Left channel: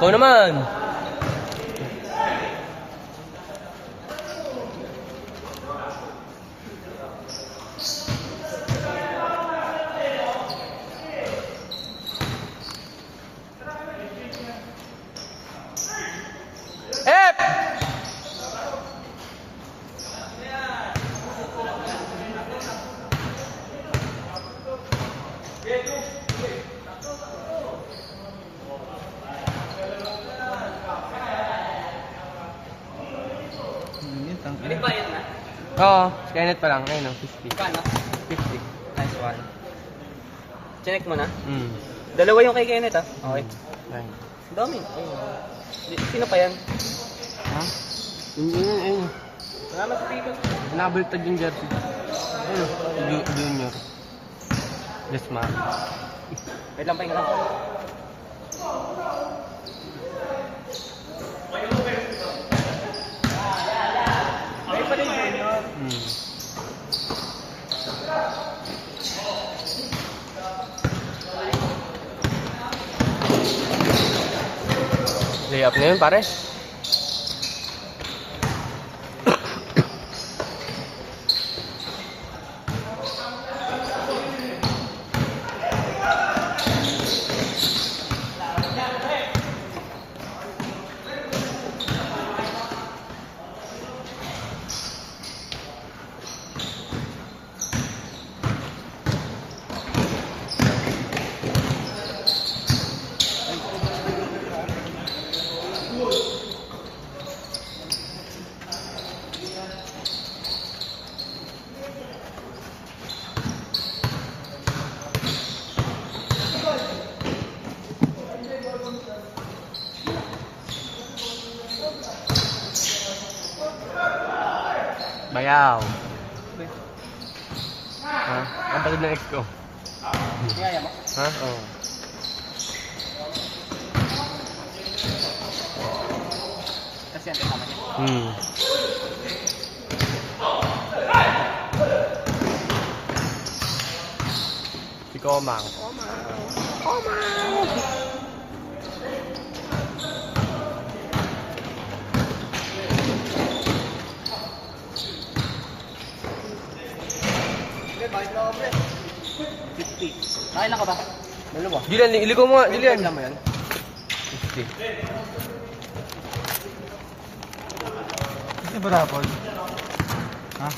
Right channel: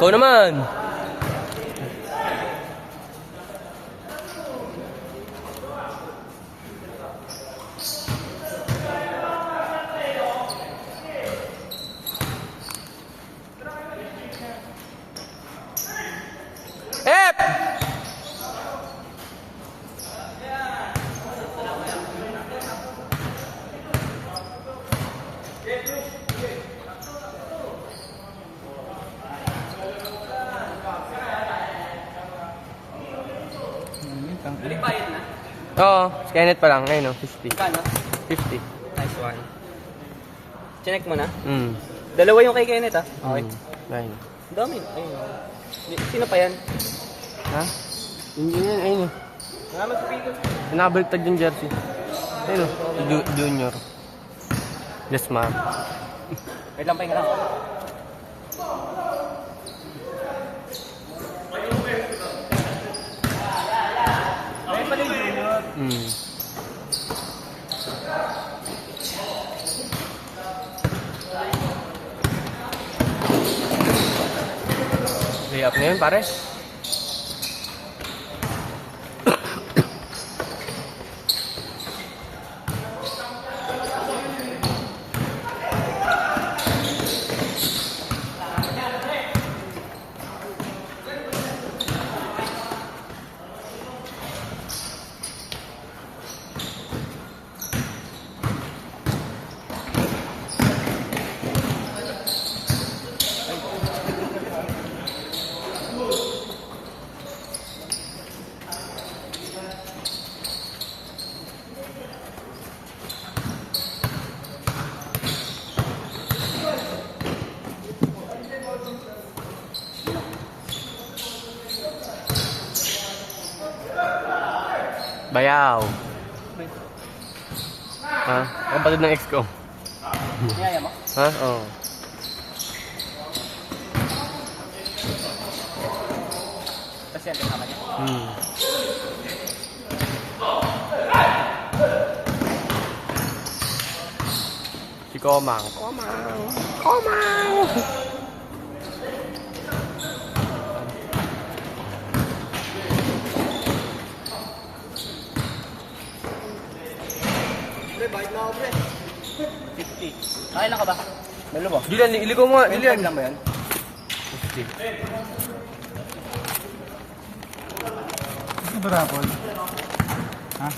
Ikaw naman. Ep! Oo, Skynet pa lang. Ngayon, 50. Kano? 50. Nice one. Check mo na. Mm. Dalawa yung kay Kenneth ah. Okay. Nine. Ang dami. Ayun. Sino pa yan? Ha? Yun, ayun. Salamat sa Pico. Nabaliktad yung jersey. Ayun, junior. Yes, ma'am. Wait lang pa yung lang. Mm. Layup na yun, pare. Bayaw. Ha? Ang patid ng ex ko. Kaya mo? Ha? Oo. Tapos yan, tama niya. Hmm. Si Komang. Pre, bayad na ako pre. 50. Kaya lang ka ba? Dalawa. Dilian, iliko mo nga. Dilian. Lang ba yan? 50. Gusto ba rapol? Ha?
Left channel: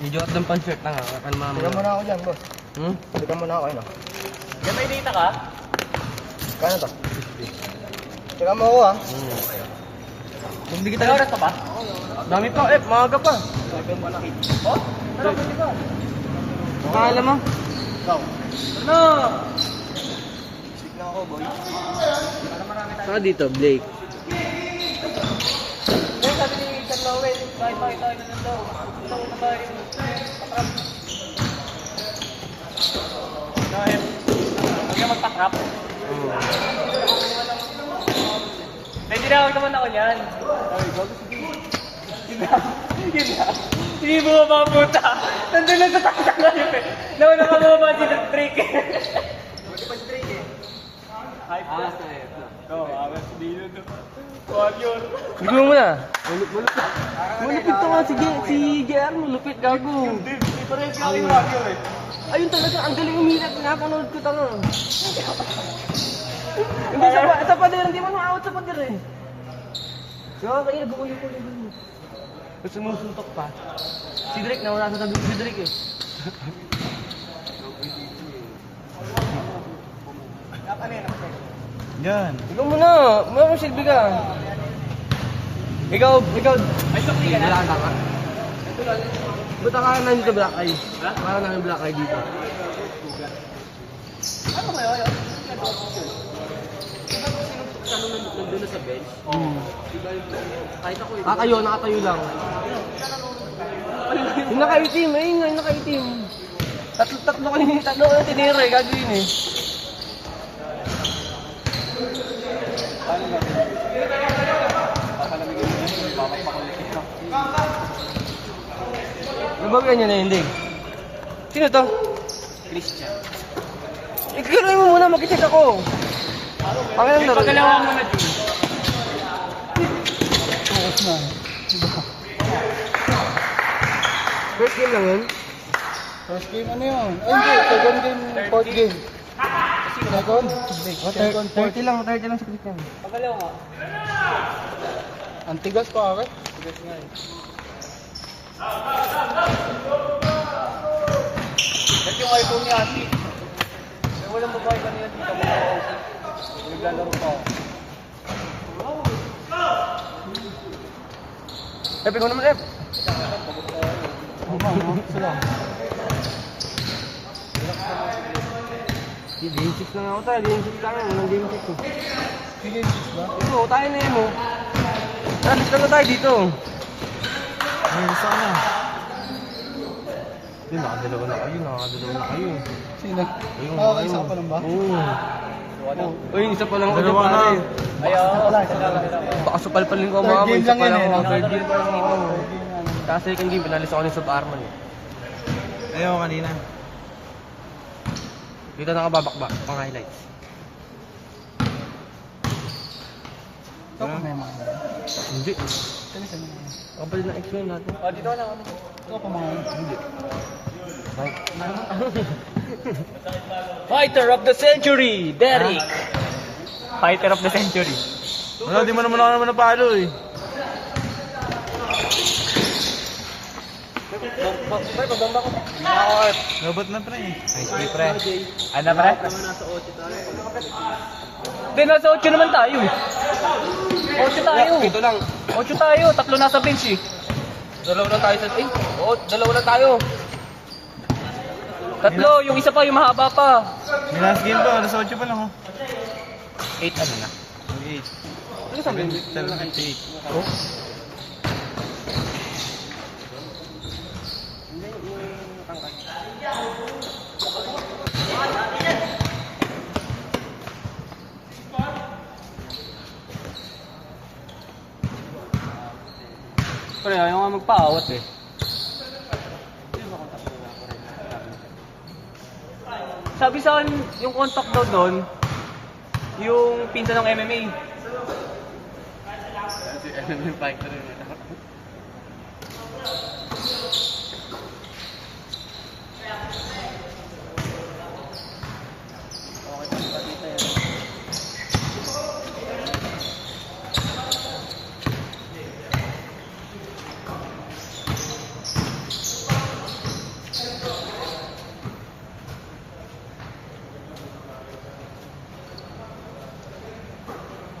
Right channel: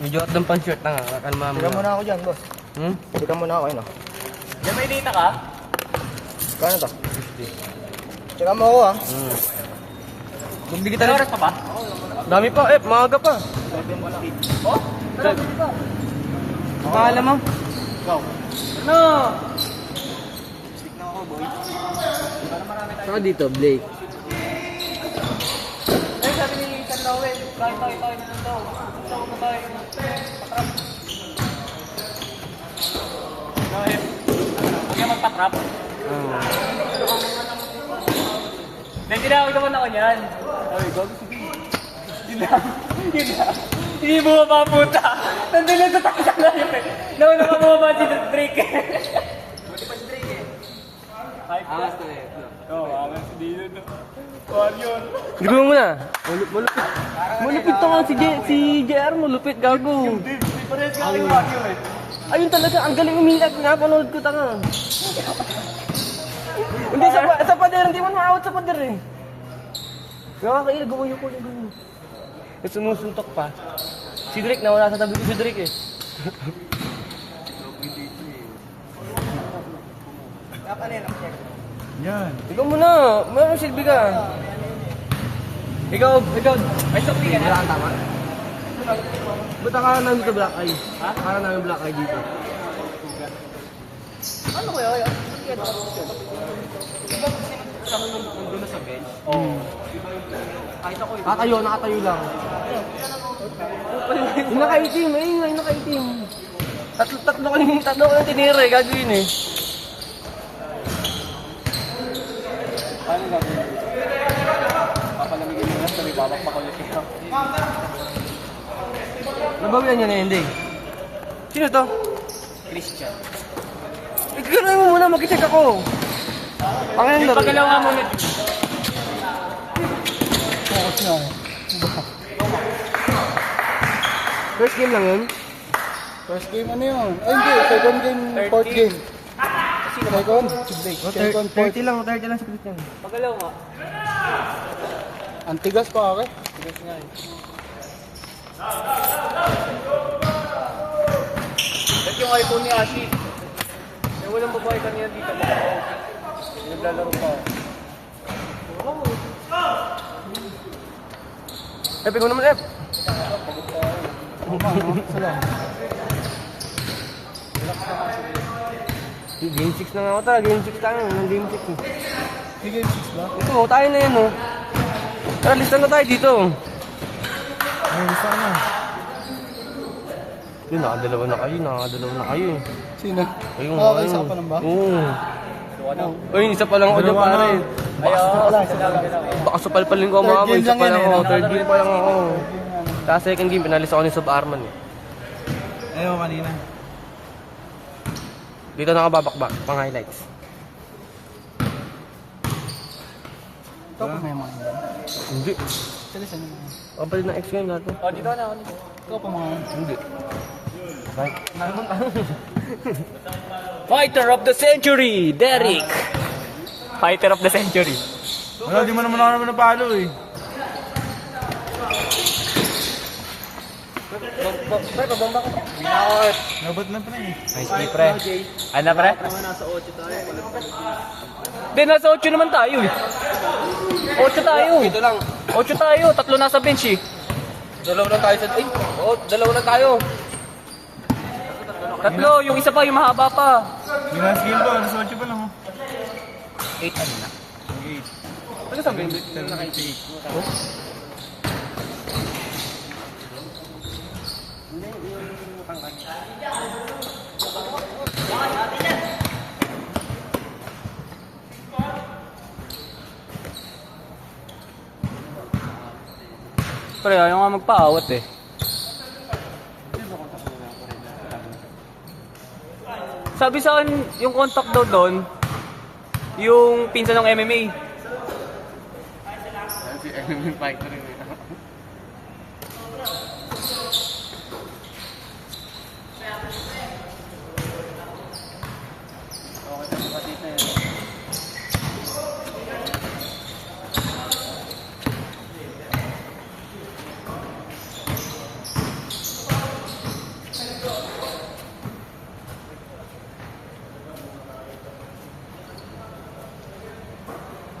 Medyo at ng pan-shirt na nga. Ano mama? Tira muna ako dyan, boss. Hmm? Tira muna ako, ano? Diyan may data ka? Kaya ka? 50. Tira mo ako, ha? Hmm. Hindi kita May oras pa ba? Dami pa, maaga pa. Sabi yung malaki. Oh? Tara, buti pa. Ang pangalan mo? Ikaw. Ano? Stick na ako, boy. Saka dito, Blake. Ay, sabi ni San Lowell, kahit tayo na nito. Gusto ko tayo. Go ahead. Hindi ka magtakrap. Hindi na ako naman ako niyan. Ay, gago sige. Yun na. Hindi mo mapapunta. Nandun lang sa takita ngayon eh. Nauna ka mo ba dito break eh. Hype boss ko eh. Oo, alam si Dino to. Warrior. Tignan mo muna. Malupit. Malupit to nga si JR. Malupit, gago. Hindi parehas ka kay Warrior eh. Ayun talaga, ang galing umilag. Napanood ko tanga. Hindi, sa pader. Hindi man maawat sa pader eh. Nakakailag ako yung kulit doon. Kasi sumusuntok pa. Si Drake, nawala sa tabi si Drake eh. Yan. Ikaw muna. Mayroong silbi ka. Ikaw. Ay, sa kuya. Wala kang tama. Ba't ka nandito black eye? Ha? Parang nandito black eye dito. Ano ba yun? Ano nandun na sa bench? Diba yung kahit ako yun. Kakayo, nakatayo lang. Yung nakaitim, yung nakaitim. Tatlo kang tiniro eh, gagawin eh. Nabawian niya na yun, Ding. Sino to? Christian. Ikaw mo muna, mag-check ako. Pangalan laro. Pagkalawa mo na June. First game lang yun? First game ano yun? Ay hindi, second game, fourth game. Second, 30 lang si Christian. Pagalaw nga. Ang tigas pa ako. Ba't yung iPhone ni Ashi? May walang babae kanina dito. Naglalaro pa ako. Ikaw naman, Ep. Game 6 na nga ako talaga. Game 6 lang. Game 6 eh. Game 6 ba? Oo, tayo na yan, oh. Tara, lista na tayo dito. Ay, sana. Hindi, nakadalawa na kayo. Sino? Ayun, Nakakaisa pa lang ba? Oo. Uy, isa pa lang ako Dalawa dyan, na. pare. Ayaw. Baka sa palpalin ko ang mga Third game isa lang pa yan, lang eh, ako. no? Third game pa lang ako. Tapos second game, pinalis ako ni Sub Arman eh. Ayaw kanina. Dito nakababakbak, pang highlights. Ito pa may mga. Hindi. Kapalit na X ngayon natin. Oh, dito na. Ito pa mga. Hindi. Fighter of the century, Derek. Fighter of the century. Wala, di mo naman ako napalo eh. Pre, pabomba ko. Nabot na pa eh. Nice, pre. Ano, pre? Hindi, nasa 8 naman tayo eh. 8 tayo. Ito lang. 8 tayo, 3 nasa bench eh. Dalawa lang tayo sa... Ay, oo, dalawa lang tayo. 3, yung isa pa, yung mahaba pa. Last game ba? Alas 8 pa lang oh. 8 ano na? 8. Ano sabi? 78. Oh? Pre, ayaw nga magpaawat eh. Sabi sa akin, yung contact daw doon, yung pinsan ng MMA. Si MMA fighter yun.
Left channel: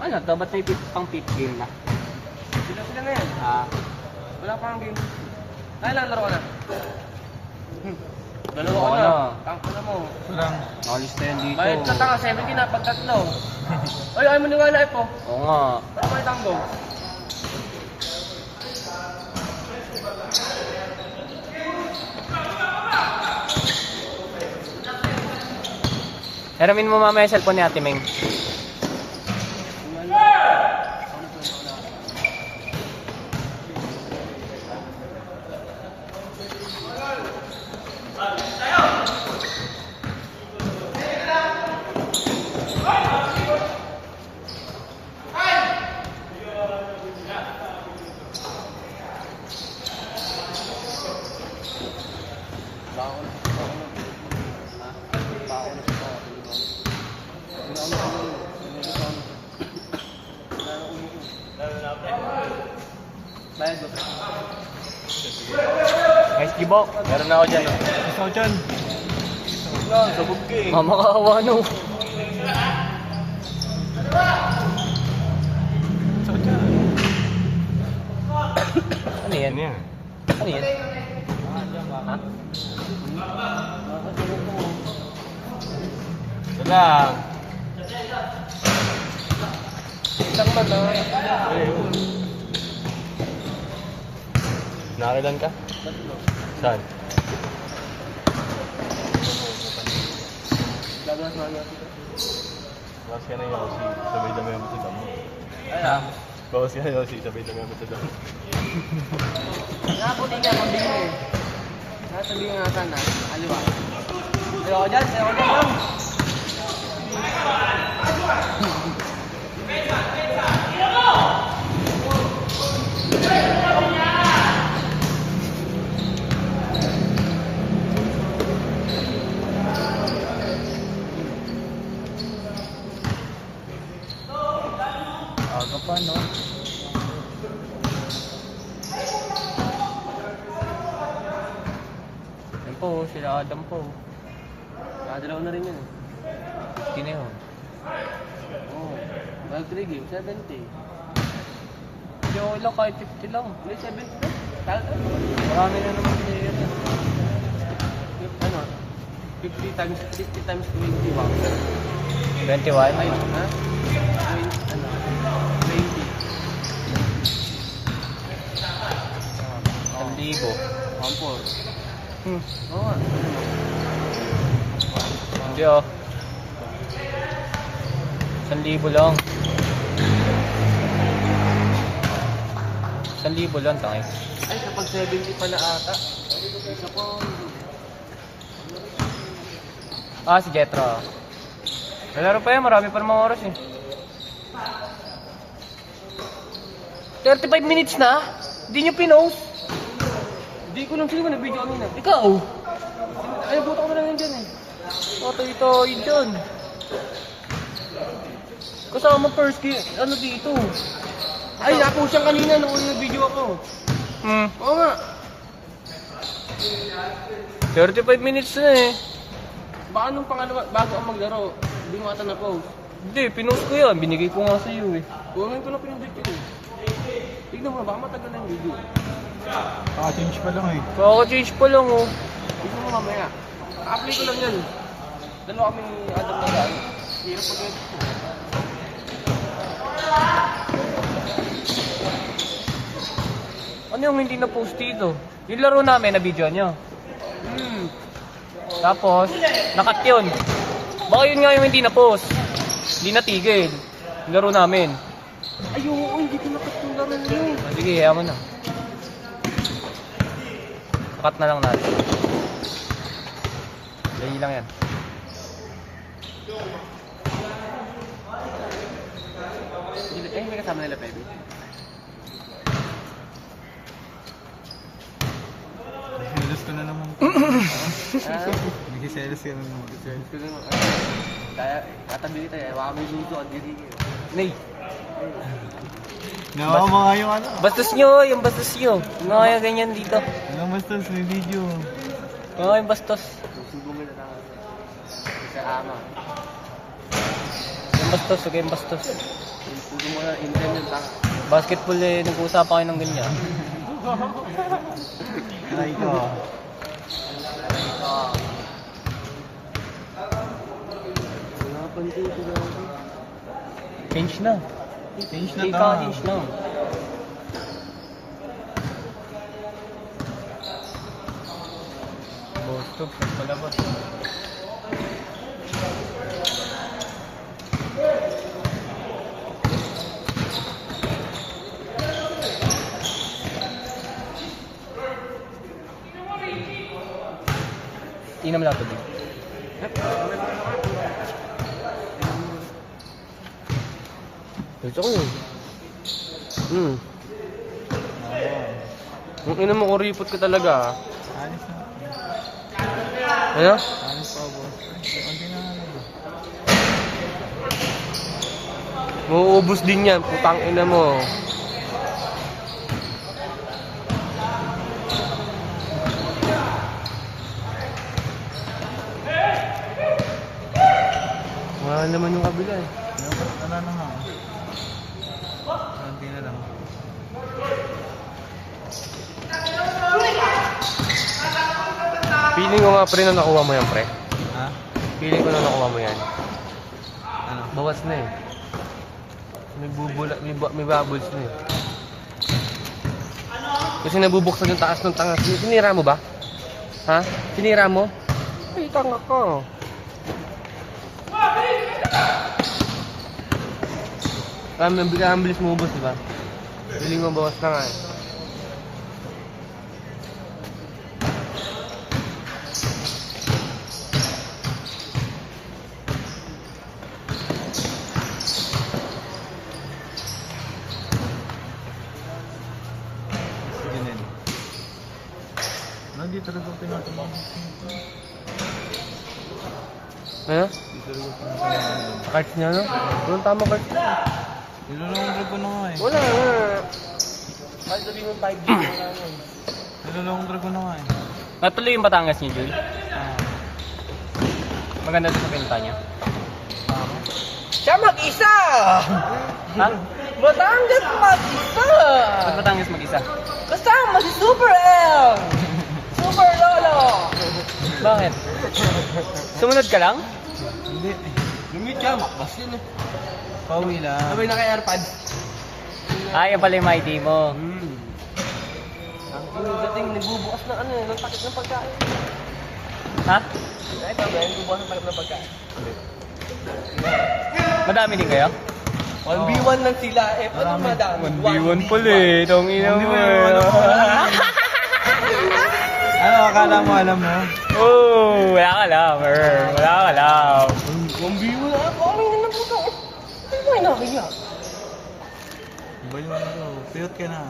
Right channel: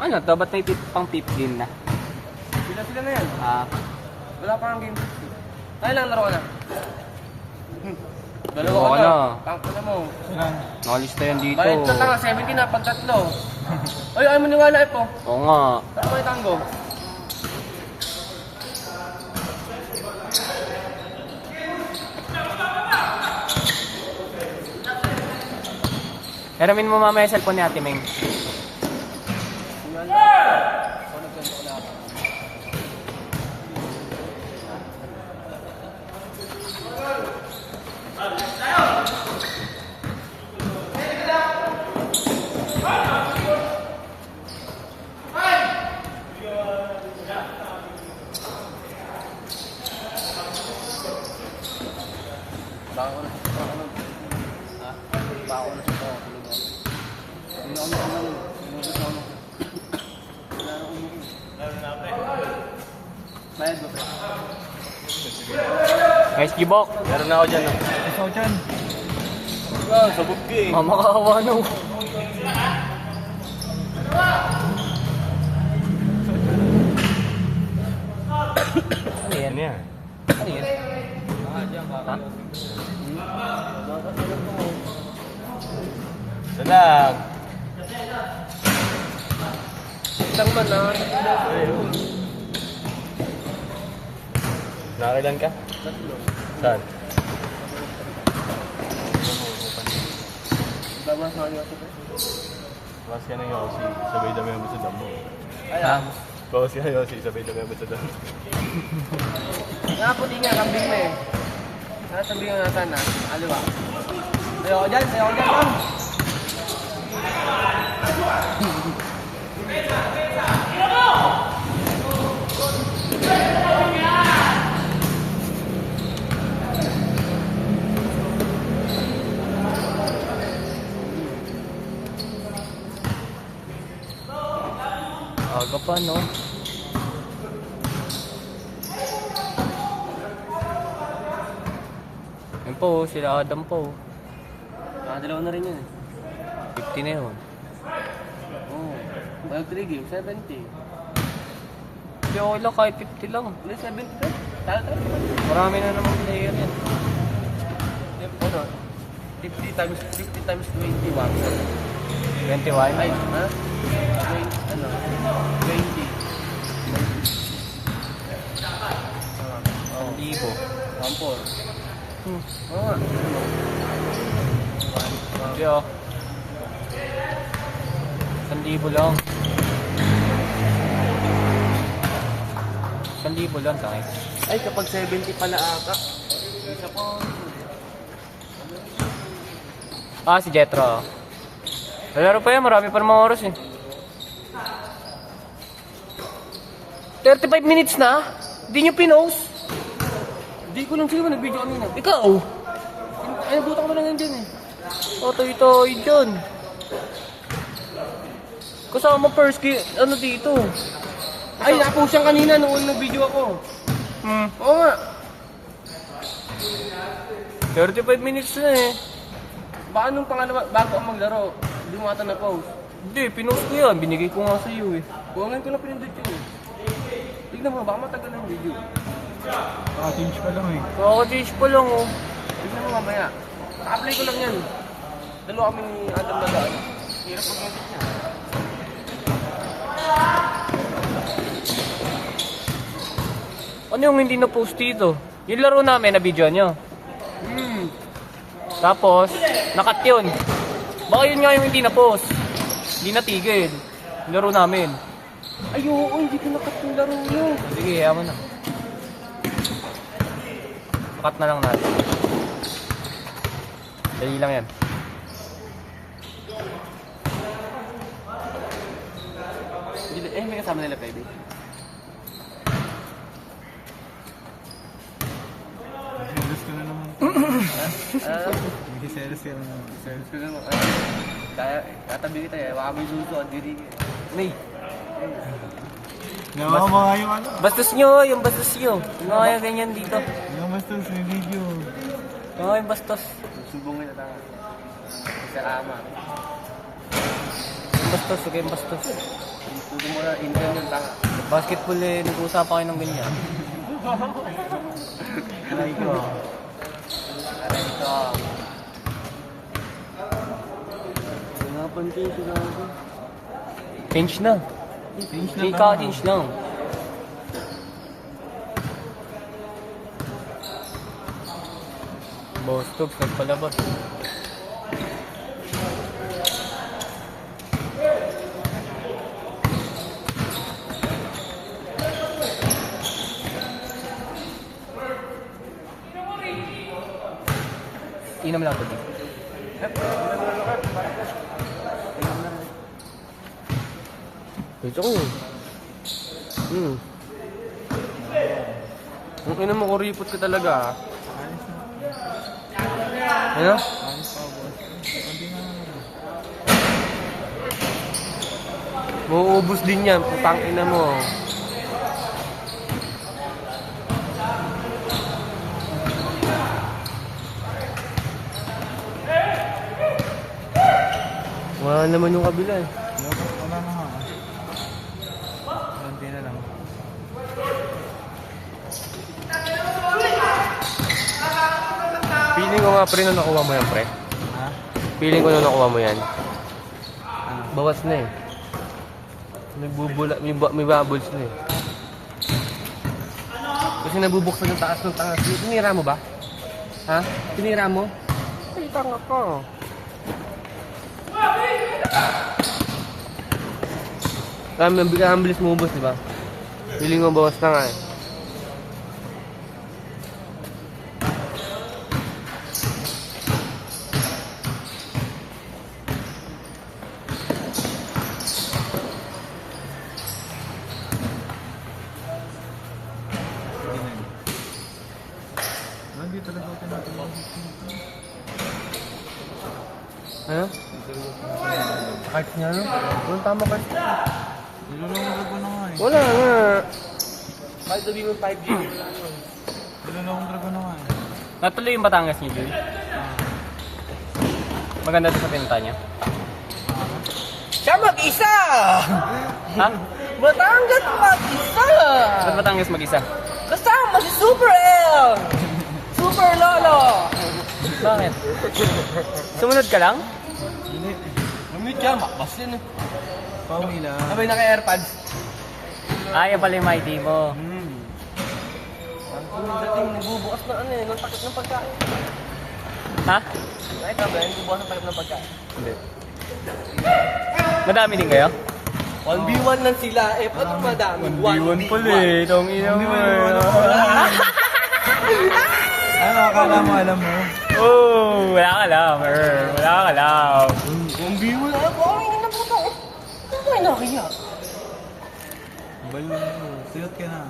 Ano to? Ba't may pang tip game na? Sila na yan. Ah, Wala pa ang game. Ay lang, laro ka na. Dalawa Dalawa ka na. na. Tangko na mo. Ito lang. nakalista yan dito. Bayad ka lang, 70 na, pag tatlo. Ay, ayaw mo niwala po. Oo nga. Saan ba yung tango? Hiramin mo mamaya yung cellphone ni Ate Meng. Guys, Gibok. Meron na ako dyan. No? Ito dyan. Mamakawa no. Ano yan? Ano yan? Ano yan? Ha? Dalag. Isang ba na? Nakakilan ka? Saan? Bawas ka na yung Yossi, sabay dami mo sa dami. Ha? Bawas ka na Yossi, sabay dami mo sa dami. Nakapun nga, kambing na eh. Nasabi nga natin na, ano ba? Ayoko dyan, ayoko dyan. ano. Yan po, sila Adam po. Nakadalawa na rin yun. 50 na yun. Oo. Mag 3 games, 70. Hindi okay lang, kahit 50 lang. May 70 na? Talaga? Marami na naman player yan. Ano? 50 times 21. 21? Ay, ha? 20, ano? 20. 1,000. 1,400. Oo nga. Hindi ah. 1,000 lang. 1,000 lang tayo. Ay, kapag 70 pala aka. Isa po. Ah, si Jetro. Pero pa yun, marami pa mga oras eh. 35 minutes na? Hindi nyo pinost? Hindi ko lang sino nag-video kami na. Ikaw? Ay, buta ko na lang dyan eh. Totoy-toy dyan. Kasama first ano dito? Ay, napost yan kanina nung nag-video ako. Oo nga. 35 minutes na eh. Baka nung pangalawa, bago ang maglaro, hindi mo ata na-post. Hindi, pinost ko yan. Binigay ko nga sa iyo eh. Ngayon ko na pinindot yun eh. Tignan mo, baka matagal na yung video. Change pa lang eh. Kaka-change pa lang oh. Tignan mo mamaya. Pa-apply ko lang yan. Dalawa kami Adam na daan. Hirap pag yun. Ano yung hindi na-post dito? Yung laro namin na video nyo. Tapos, nakat yun. Baka yun nga yung hindi na-post. Hindi natigil. Yung laro namin. Ay, oo, hindi ko nakat yung laro nyo. Sige, kaya mo na. Nakat na lang natin. Dali lang yan. Hindi kasama nila pwede. Selos ko na naman. Nag-selos ka na naman. Sales ko naman. Kaya, tatabi kita eh. Baka may luto at didi. Nay. Nawa mo nga yung ano. Bastos nyo, yung bastos nyo. Yung mga ganyan dito. Ilang bastos, may video. Oo, yung bastos. Subungin na tanga. Sa ama. Yung bastos, sige yung bastos. Hindi mo na intern yung tanga. Basketball eh, nag-uusapan kayo ng ganyan. Aray ko. Aray ko. Wala pang tito na ako. Change na. Change na Hindi ta. ka, change lang. Boss tubes, nagpalabas. Inam lang ito din. Gusto ko yun. Kung ina mo, kuripot ka talaga. Ano? Mauubos din yan, putang ina mo. Wala naman yung kabila eh. Wala na nga. Konti na lang. Feeling ko nga pre na nakuha mo yan pre. Ha? Feeling ko na nakuha mo yan. Ano? Bawas na eh. May bubbles na eh. Kasi nabubuksan yung taas ng tangas. Tinira mo ba? Ha? Tinira mo? Ay, tanga ka. Kaya ang bilis mo ubos, di ba? Feeling mo bawas na nga eh. Ganun. Hindi talaga tinatawag. Ano? Cards niya, no? Anong tama cards niya? Nilulungkot ko na nga eh. Wala nga. Kahit sabihin mo 5G wala nun. Nilulungkot ko na nga eh. Natuloy yung Batangas niyo, Joy. Maganda sa pinta niya. Siya mag-isa! Ha? Batangas mag-isa! Ba't Batangas mag-isa? Kasama si Super L! Super Lolo! Bakit? Sumunod ka lang? Hindi. Lumit ka, makbas yun. Pauwi lang. Sabay naka-airpods. Yan pala yung mighty mo. Yung dating nagbubukas ng ano eh, ng pakit ng pagkain. Ha? Kahit ang ganyan, nagbubukas ng pakit ng pagkain. Madami din kayo? 1v1 lang sila eh, paano madami? 1v1 pala eh. Itong ina mo Ano akala mo, alam mo? Oh, wala ka alam. Wala ka alam. 1v1 lang, kami nga na po ko. Ano ba nakakaya? Ba yung ano? Tiyot ka na.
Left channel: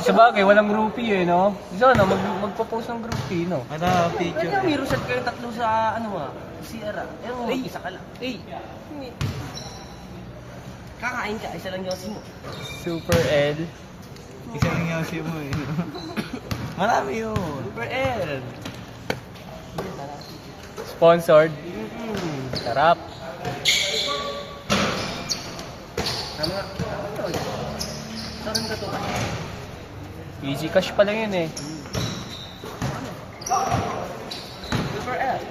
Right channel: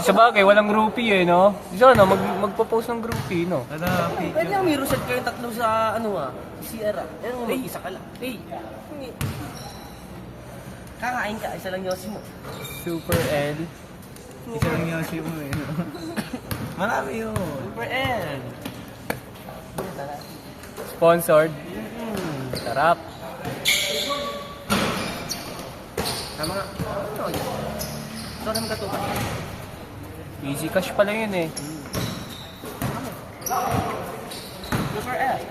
Sa bagay, walang groupie eh, no? So ano, magpo-post ng groupie, no? Wala, Pwede picture. ang may reset kayong tatlo sa ano ah, CR ah. Pero isa ka lang. Hindi. Kakain ka, isa lang yosin mo. Super L. Isa lang yung siya mo eh. Marami yun. Super L. Sponsored. Sarap. Tama nga. Saan ka to? Easy cash pala yun eh. Super L.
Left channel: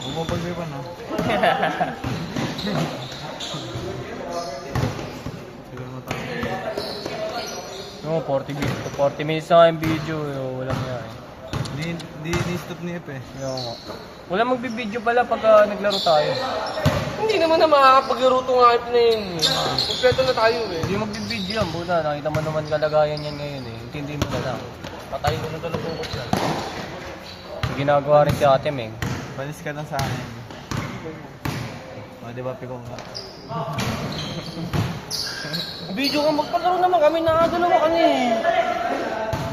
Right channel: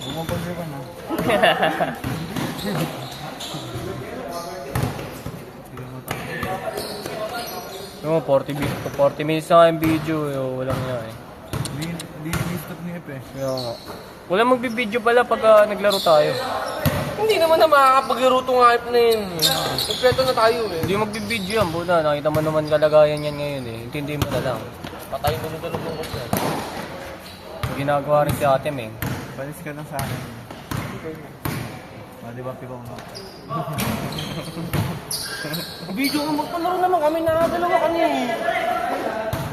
Bumabagay pa no? No, 40 minutes na yung video. Walang nga eh. Di stop ni Ep eh. Kaya nga. Walang magbibideo pala pag naglaro tayo. Hindi naman na makakapaglaro itong hype na yun. Kompleto na tayo eh. Hindi magbibideo yan, Buda. Nakita mo naman kalagayan yan ngayon eh. Intindi mo na lang. Patayin ko na talaga ko yan. Ginagawa rin si Ate Meng. Balis ka lang sa akin. Di ba piko nga? Video ka magpalaro naman kami, nakadalawa ka na eh.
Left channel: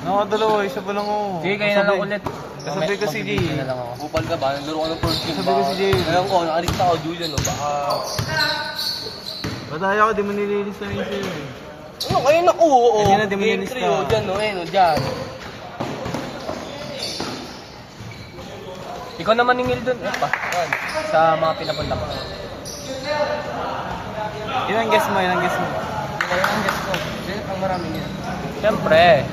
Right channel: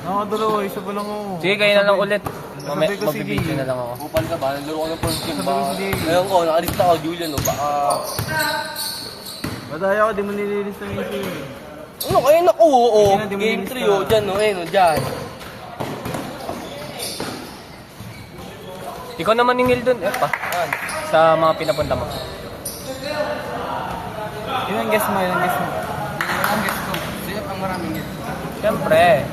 Dalawa, isa pa lang ako. Sige, kayo na lang ulit. Sabi ko si Magbibideo Jay. na lang ako. Kupal ka ba? Naglaro ka ng first game ba? Sabi ko si Jay. Ngayon ko, nakalista ako, Julian. No? Baka... Badaya ako, di mo nililis na ito eh. Ano, kaya naku, oo. Hindi na, di mo Game nilista. 3, oh. Dyan, no, ayun, oh, dyan. Ikaw naman ningil dun, pa. Sa mga pinapunta mo. Ilang guess mo, ilang guess mo? Ang maraming yan. Siyempre.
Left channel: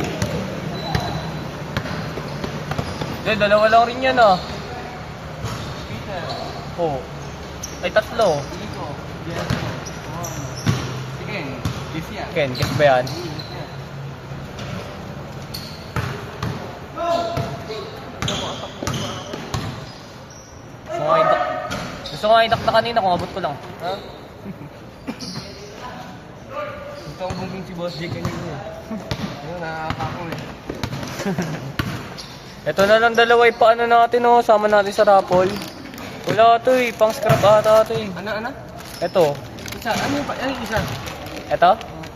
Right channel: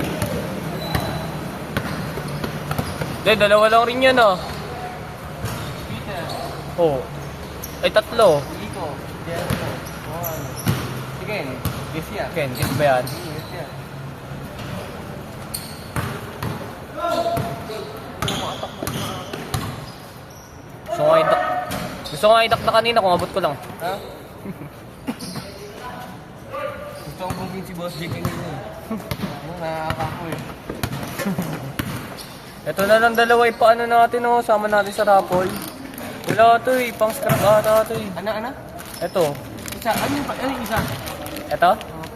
Hindi, dalawa lang rin yan, oh. Oh. Ay, tatlo. Dito, dyan, one. Sige, this yan. Ken, guess ba yan? Yes, yan. Gusto ko nga idak na kanina kung abot ko lang. Ha? Gusto ko buming si Boss J kanina eh. Ano, nakakako eh. Ito na lang dalawa, ipaano natin, oh. Sama natin sa raffle. Wala to eh, pang scrap ata to eh. Ano? Ito. Isa, ano yung isa? Ito?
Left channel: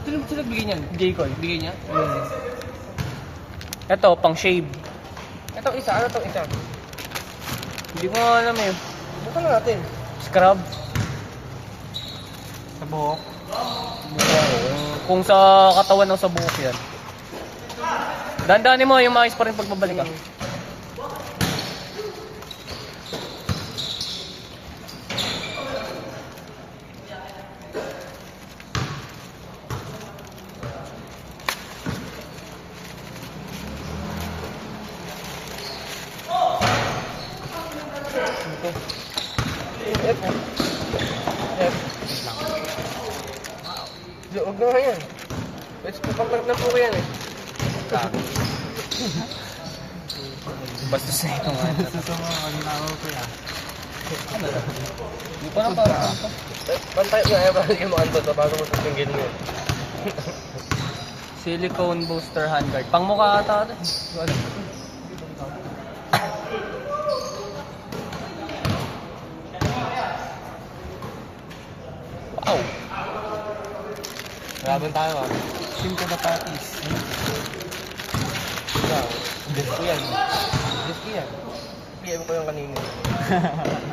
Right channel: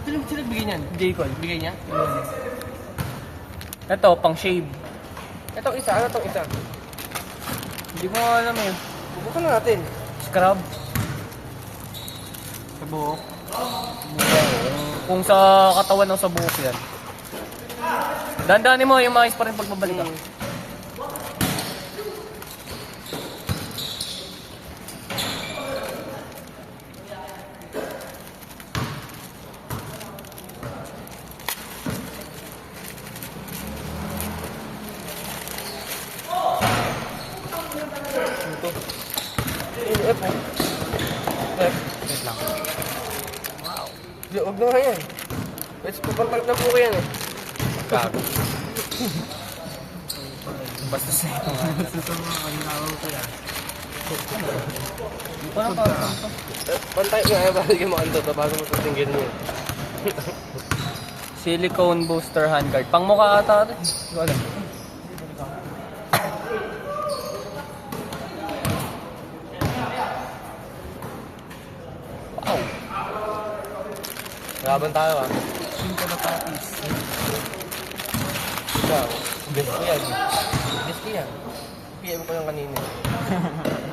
Sino bigay niyan? J-Coy. Bigay niya? Ito, pang shave. Ito isa, ano to isa? Hindi ko nga alam eh. Bukan natin. Scrub. Sa buhok. Kung sa katawan ng sa buhok yan. Dandanin mo, yung mais pa rin pagbabalik ah. Huwag na nga yan. It's pupantang na po yan eh. Basta siya ito nga. Hindi pa lang para saan ito. Pantay nga eh, bago yung mga ando to, bago matutunggan mo eh. Silicone booster handguard. Pang mukha ata ito. Wala. Wow. Laban tayo ah. Cinco na patis. Ikaw, guess ko yan. Guess ko yan. PM ko yung kanina.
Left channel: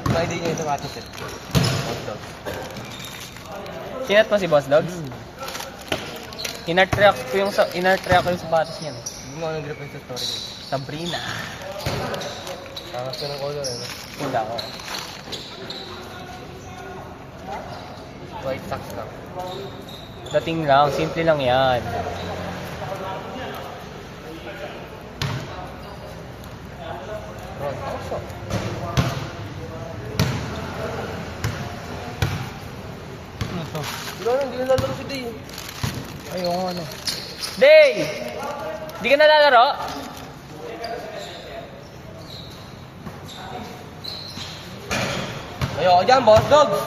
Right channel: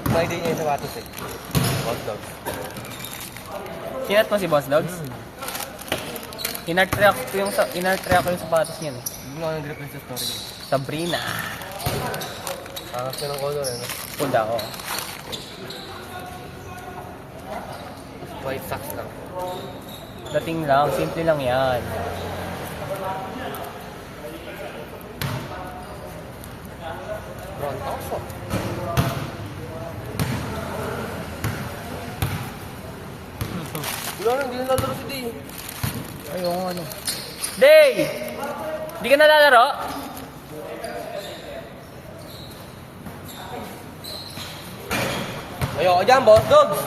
Hindi niya yung sapatos eh. Hot dog. Sinat mo si Boss Dogs? Inart-react ko yung sapatos niya. Hindi mo ako nag-drop sa story niya. Sabrina. Angas yun ng color, ano? Tunda ko. White socks lang. Dating lang, simple lang yan. Hindi na lalaro si Day. Ayun, ano. Day! Di ka nalalaro? Ayoko dyan, Boss Dogs.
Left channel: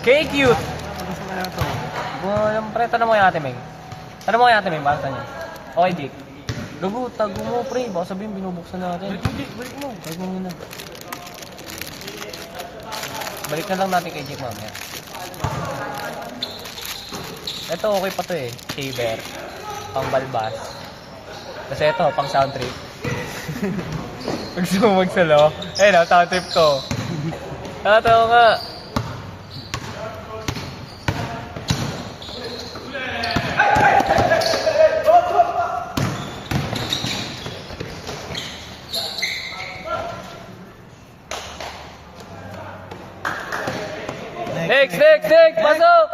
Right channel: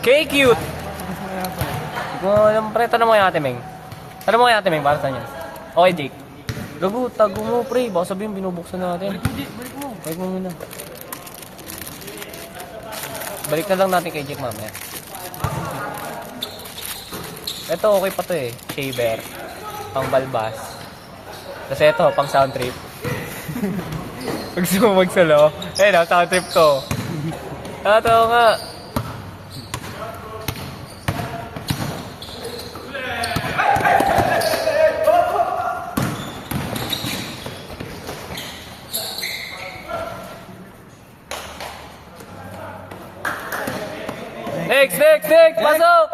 K-cute! Alam pre, tanong mo kay Ate Meng. Tanong mo kay Ate Meng, para saan yan? Okay, Jake. Gago, tago mo pre, baka sabihin binubuksan natin. Balik mo. Balik mo muna. Balik na lang natin kay Jake mamaya. Ito okay pa to eh, shaver. Pang balbas. Kasi ito, pang sound trip. Pag gusto mo magsalo, eh na, sound trip to. Tatawa nga. Next! Pasok!